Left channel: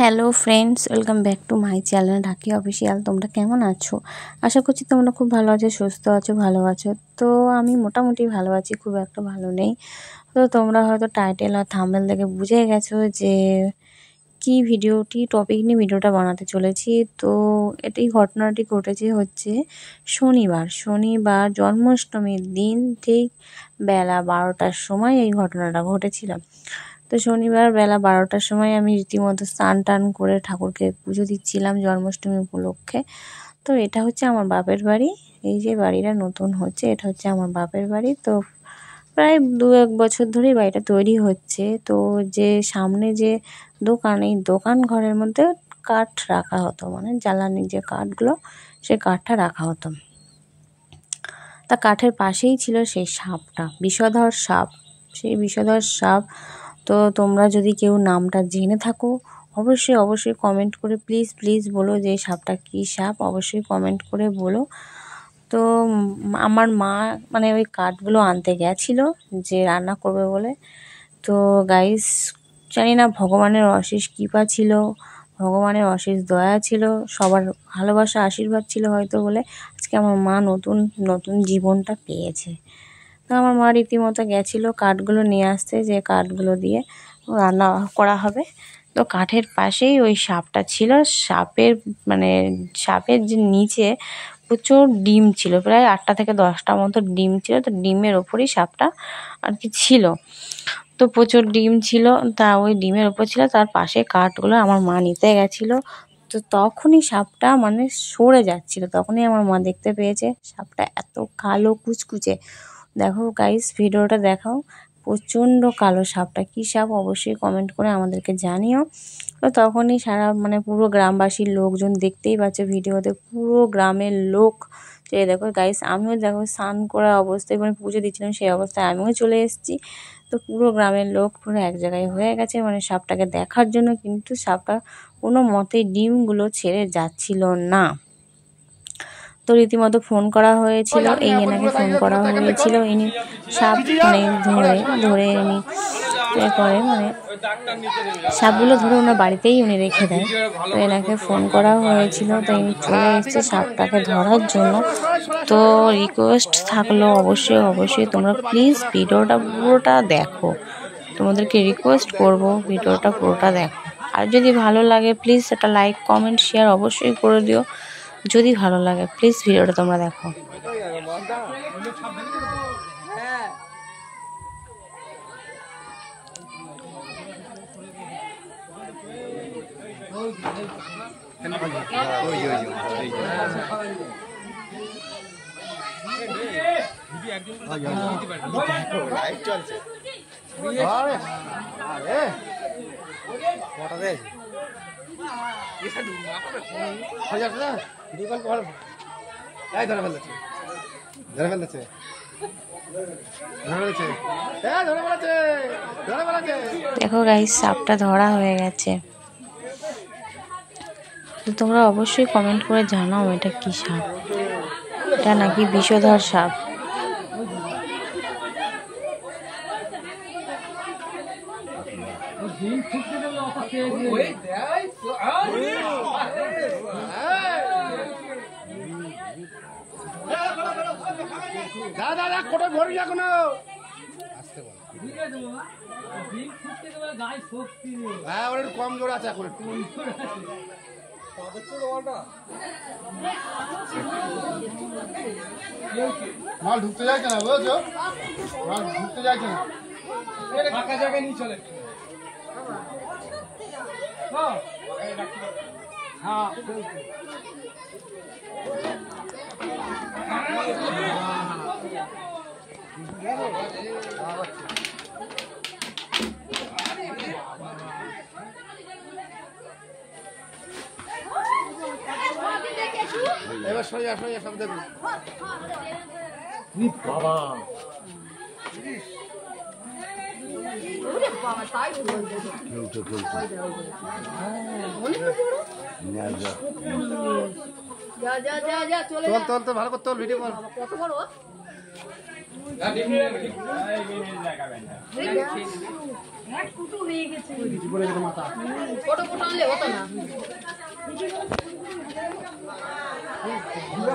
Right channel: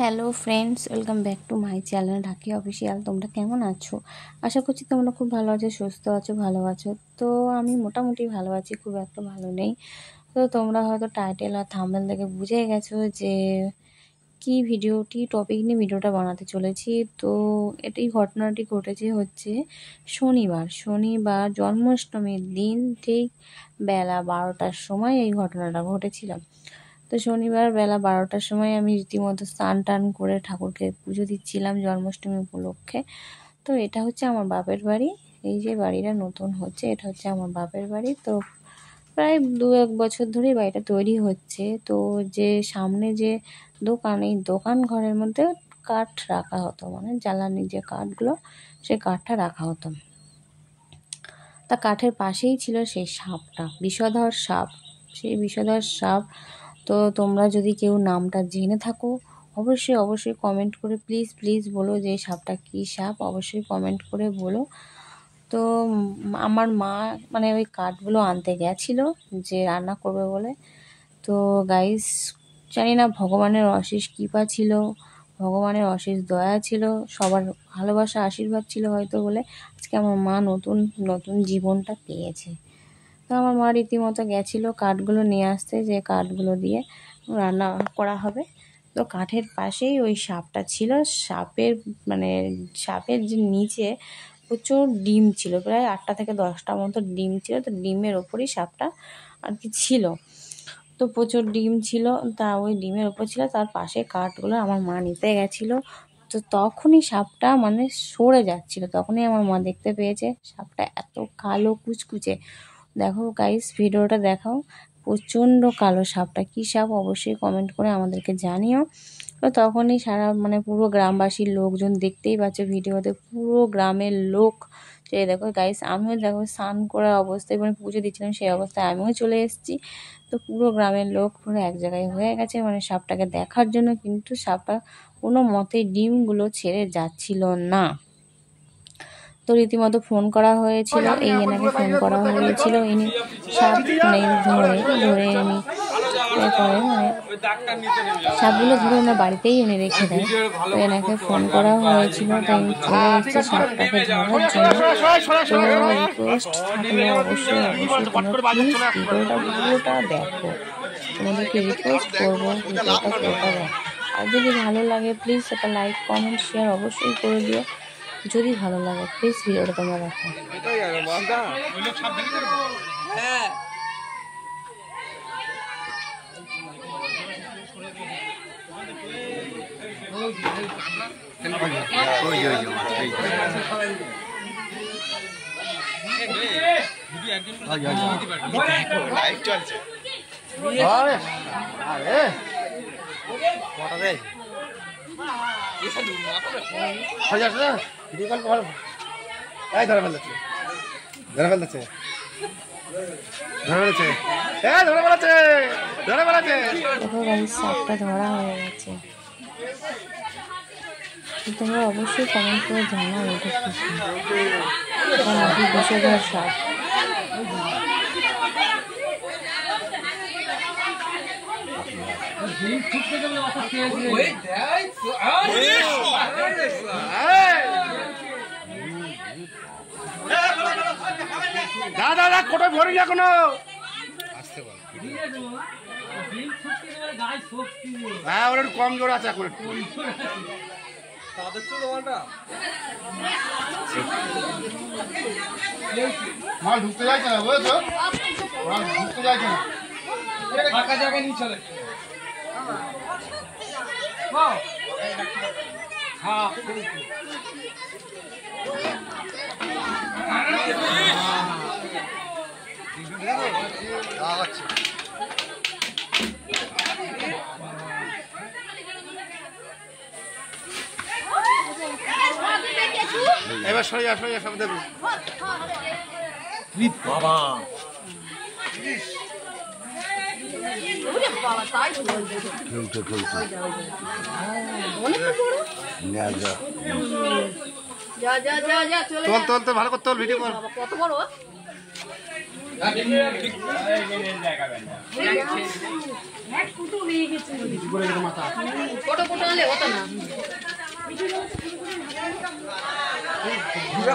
Hello friends, welcome back to my channel ঢাকি official. তোমরা কেমন আছো? আশা করছি তোমরা খুব ভালো আছো, সুস্থ আছো, ভালো আছো। তো আমি মোটামুটি ভালো আছি, খুব একটা ভালো নেই। তো তোমরা হয়তো টাইটেল আর থাম্বনেল দেখে বুঝে গেছো যে কি টপিক নিয়ে ভিডিওটা বানাতে চলেছি। তো ঘটনাটি ঘটেছে হচ্ছে শনিবার জন্মাষ্টমীর দিন ঠিক বেলা 12টার সময় এই ঘটনাটা ঘটেছিল। তো শনিবার বেলা 12টার সময় আমি রীতিমতো স্নান টান করে ঠাকুরকে পুজো দিচ্ছিলাম জন্মাষ্টমী উপলক্ষে। তো এটা হচ্ছে আমার বাপের বাড়ি। এই যে বাড়িটা নতুন হচ্ছে, এটা হচ্ছে আমার বাপের বাড়ি। তো প্রায় 2-1 বছর ধরেই বাড়িটা তৈরি হচ্ছে। তো যে সামনে যে দোকান, এই দোকান ঘরের মধ্যে কাঠ রাখা হতো, মানে জ্বালানির যে কাঠগুলো, সেই কাঠটা রাখা হতো। তা কাঠের পাশেই ছিল সেই সাপটা, বিষধর সাপ। সেই বিষধর সাপ, তো তোমরা যদি কেউ নামটা জেনে থাকো অবশ্যই কমেন্ট করে প্লিজ বলো যে সাপটা কী সাপ, অবশ্যই কমেন্ট করে বলো। তো আমার মা মানে ওই কাঠগুলো আনতে গেছিলো যে রান্না করবে বলে। তো গাইস, জানি না ভগবানের অশেষ কৃপা ছিল, ভগবানের অশেষ দয়া ছিল, সবার ভালোবাসা আশীর্বাদ ছিল হয়তো বলে আজকে আমার মা নতুন জীবনটা পেয়েছে। তো আমার মা রীতিমতো গেছিলো কাঠগুলো নিয়ে আসতে, যে কাঠগুলো দিয়ে রান্না করা হবে। তো কাঠের পাশেই ওই সাপটা ছিল। সাপের যে নিচে প্রচুর ডিম ছিল, প্রায় 8টা থেকে 10টা মতো ডিম ছিল। তো ডিমের ওপরই সাপটা আর কি ছিল। তো প্রচুর ডিম ছিল, তা ওই ডিমের ওপর ছিল, তার পাশে কাঠগুলো আমার মা নিতে গেছিলো। তো তখনই সাপটা মানে সরে যাচ্ছিল, তখনই আমার মা দেখতে পেয়েছে সাপটা এত কালো কুচকুচে। দেখো গাইস, ভিডিওটা দেখাও, প্রচণ্ড কালো সাপটা। কী সাপ অবশ্যই কমেন্ট করে আমাদেরকে জানিও। তো তখনই পুরো গ্রামবাসীর লোকজন, দেখতেই পাচ্ছ ভিডিওতে পুরো গ্রামের লোক। তো দেখো গাইস, আমিও দেখো স্নান করা অবস্থায়, মানে পুজো দিচ্ছিলাম সেই অবস্থায় আমিও চলে এসেছি। তো পুরো গ্রামের লোক পুরো এক জায়গায় হয়ে গেছে মানে সাপটাকে দেখার জন্য, কিন্তু সাপটা কোনো মতেই ডিমগুলো ছেড়ে যাচ্ছিল না। তো রীতিমতো ফোন করা হয়েছিল, এনাকে ফোন করা হয়েছিল। ইনি সাপ ধরে ইনি পরে সাপগুলো ধরে ওনার বাড়িতেই উনি রেখে দেয়। তো এনাকে ফোন করা হয়েছিল, তাই ইনি চলে এসেছে সাপটাকে ধরার জন্য। তো রিকোয়েস্ট থাকলো অবশ্যই তোমরা প্লিজ ভিডিওটা পুরোটা দেখো, তোমাদেরকে রিকোয়েস্ট করব ভিডিওটা পুরোটা দেখো। আর যদি ভালো লাগে প্লিজ একটা লাইক কমেন্ট শেয়ার অবশ্যই করে দিও। যদি ভালো লাগে প্লিজ ভিডিওটা তোমরা দেখো। দেখো গাইস, সাপটা ধরা হয়ে গেছে। তোমরা অবশ্যই কমেন্ট করে জানাও এটা কি সাপ, এটা নাকি বিষধর সাপ। দাদা কোটা ভরি এখনো আসতে বল। হ্যাঁ, ওর একটু কম জোর আছে এখন, একটু মাল ঢুকতে যাচ্ছে না, বুঝেছো? মাল ঢুকতে যাচ্ছে না, ফাঁকা জায়গায় নিয়ে চলে। হ্যাঁ, এবার সরে যা সব দেখুন। বাবা চল ভালো করে তোল, ভিডিও কর।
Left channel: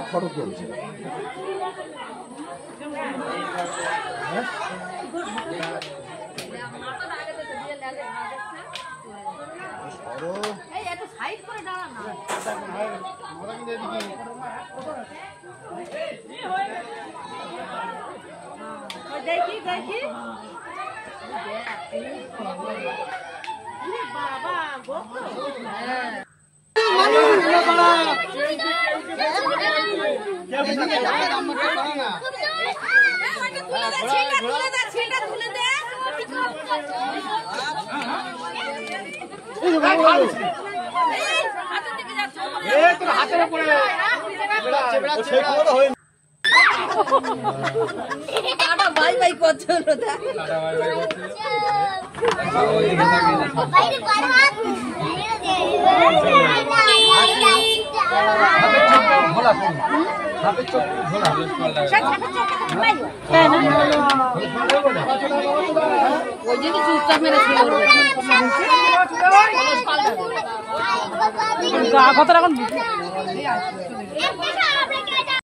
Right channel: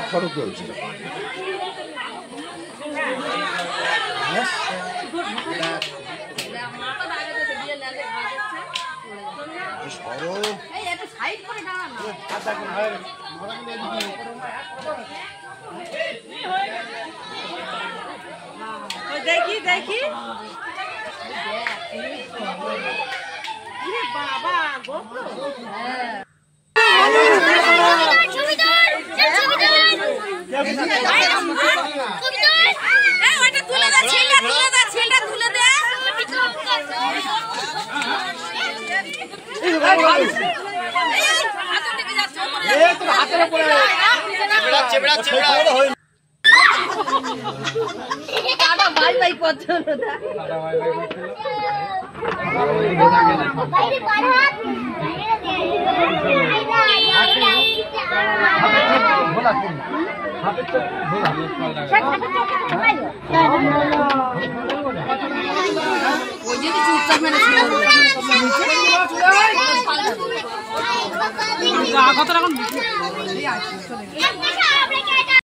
ফটো চলছে দেখি দেখি বাবা ভাই ভাই করছে ওই যদি চুপচাপ মেরে কত রকম